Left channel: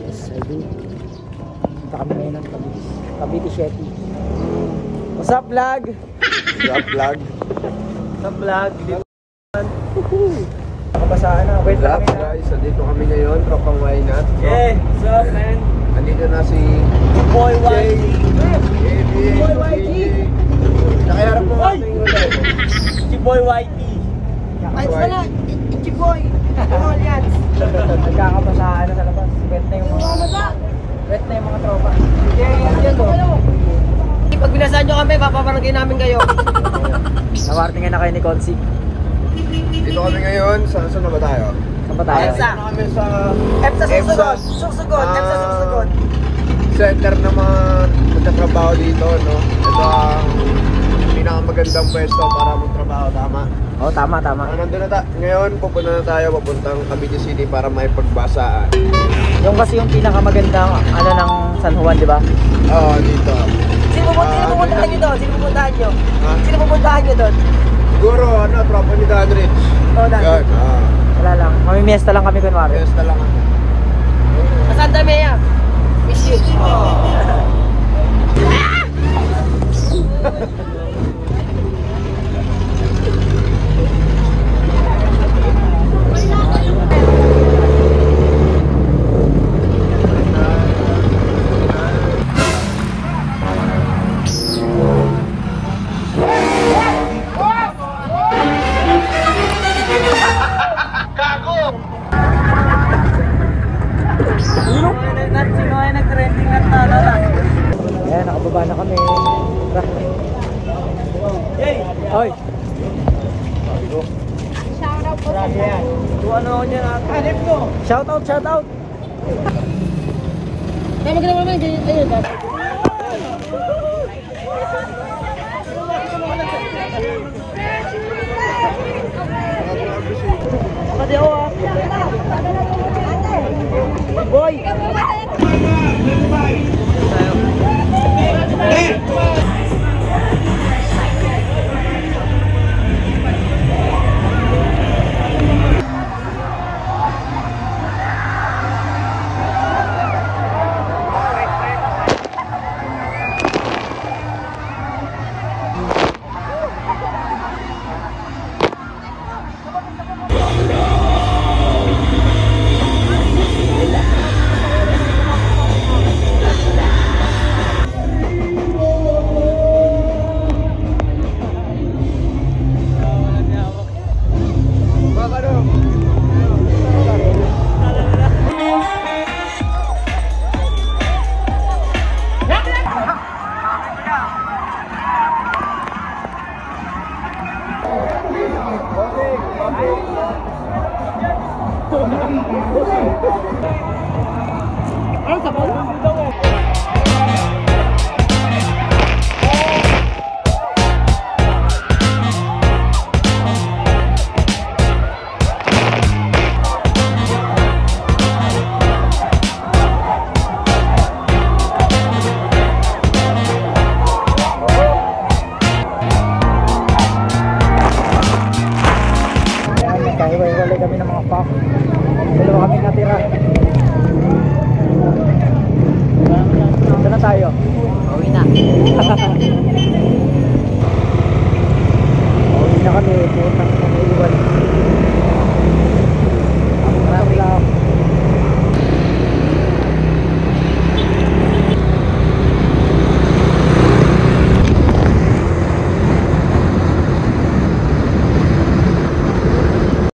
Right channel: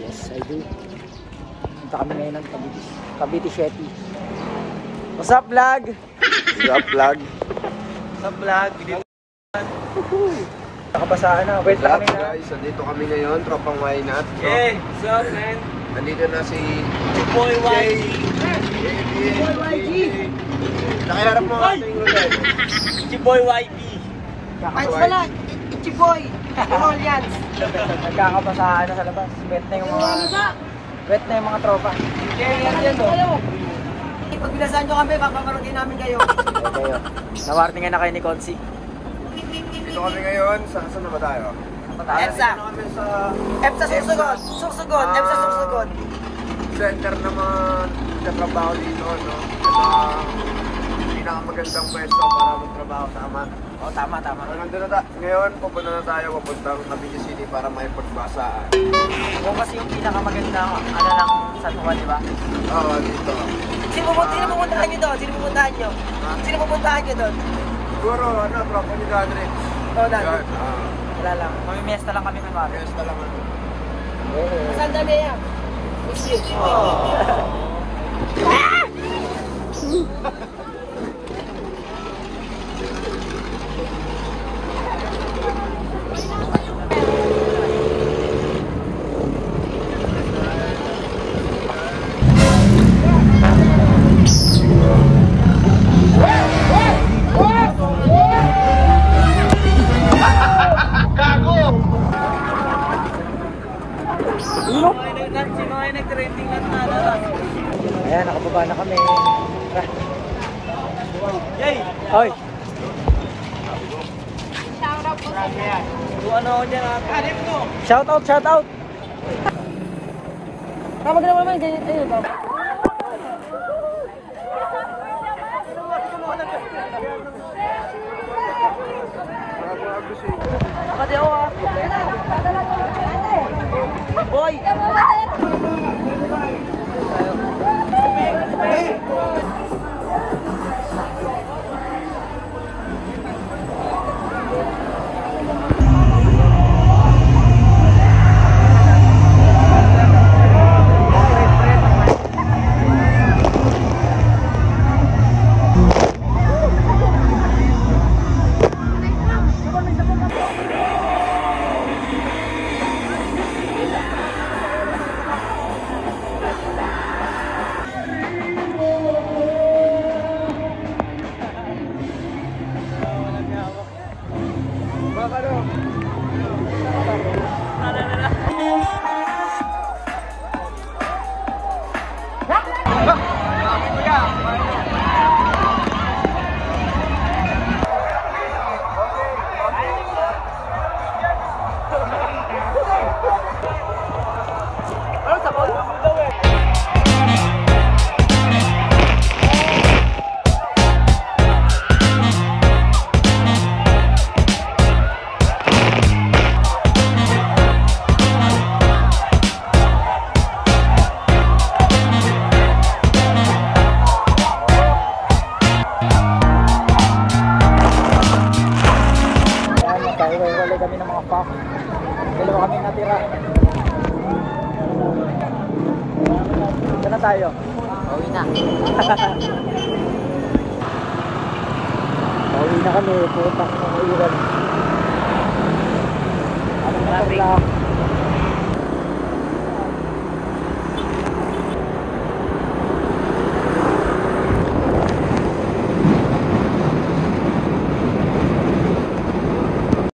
Yes, I do. Punta kami ngayon ng Cavite City. What's up, vlog? What's up, vlog? What's up, vlog? Nakabasaan na. Wait lang kami guys, nandito kami ngayon, tropang Wainat. No? Hey, what's up, man? Nandito na si Boy White. Nakiharap mo ating ulit. Si Boy Whitey. Si Boy. Orleans. Nagkakabasaan na sa labas. Wet na yung mga tropa. Yan o. Pag binasaan nyo kami, papaparagin namin kayo. Nawarningan na kayo ni Consi. Dito kami ngayon, saan na ba tayo? Saan ba tayo? EPSA. Kami sa EPSA Sursugod. Sursugod. EPSA Sursugod. center ng mga magkatrabaho dito, no? Ito ang pinakamagandang pwesto para magtrabaho, tama? Oo, tama. Nandun na ngayon, pupunta na tayo papuntang Cavite City para may pagbasaan. Yung kasi yung pinakamagandang ng San Juan, di ba? Oo, dito. Sino pupuntahan nyo doon? Sino pupuntahan nyo doon? Siguro, proper ni Danrich. Oo, Danrich. Wala lang. Mamimiesta lang kami kunwari. Fiesta lang kami. Santa Mea. Mission. Ayan, nakababa na kami. Yay! Oy! Ano ako dyan natin? Shout out! Tama ka naman ganyan. Ayun ba? Pati ako Boy! Kahiwalay kami ng mga pack. Dalawa kami natira. Saan na tayo? Pauwi na. Pauwi na kami. Putak na iwan.